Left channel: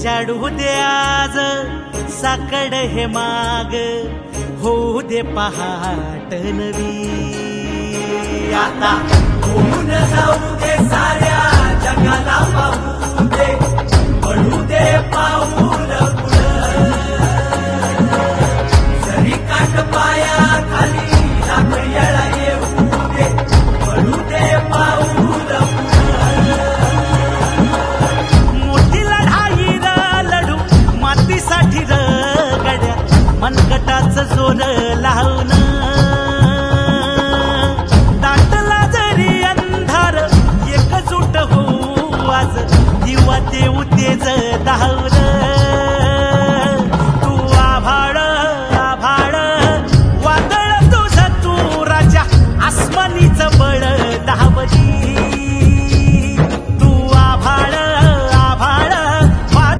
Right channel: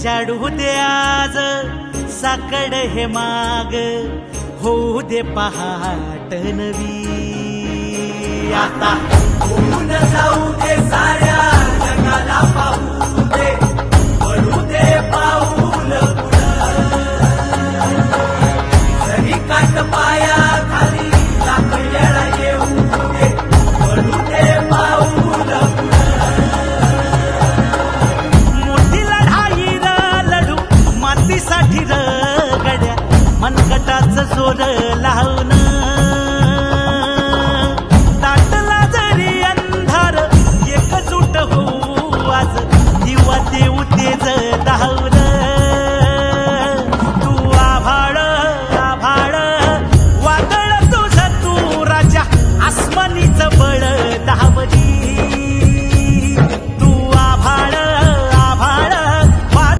उजाडू दे आज साकड हे माग, होऊ दे पहाट नवी. आता होऊन जाऊ दे साऱ्या जगाला पाहू दे, पडू दे पाऊल सही काट पाया खाली आपल्याला येऊ दे, पडू दे पाऊल. मोठी लढाई र लढू मातीसाठी र गड्या, मनगटाचं जोर लावून दाटला जरी अंधार एकजूट होऊ आज, दिवा देऊ तेज धावून.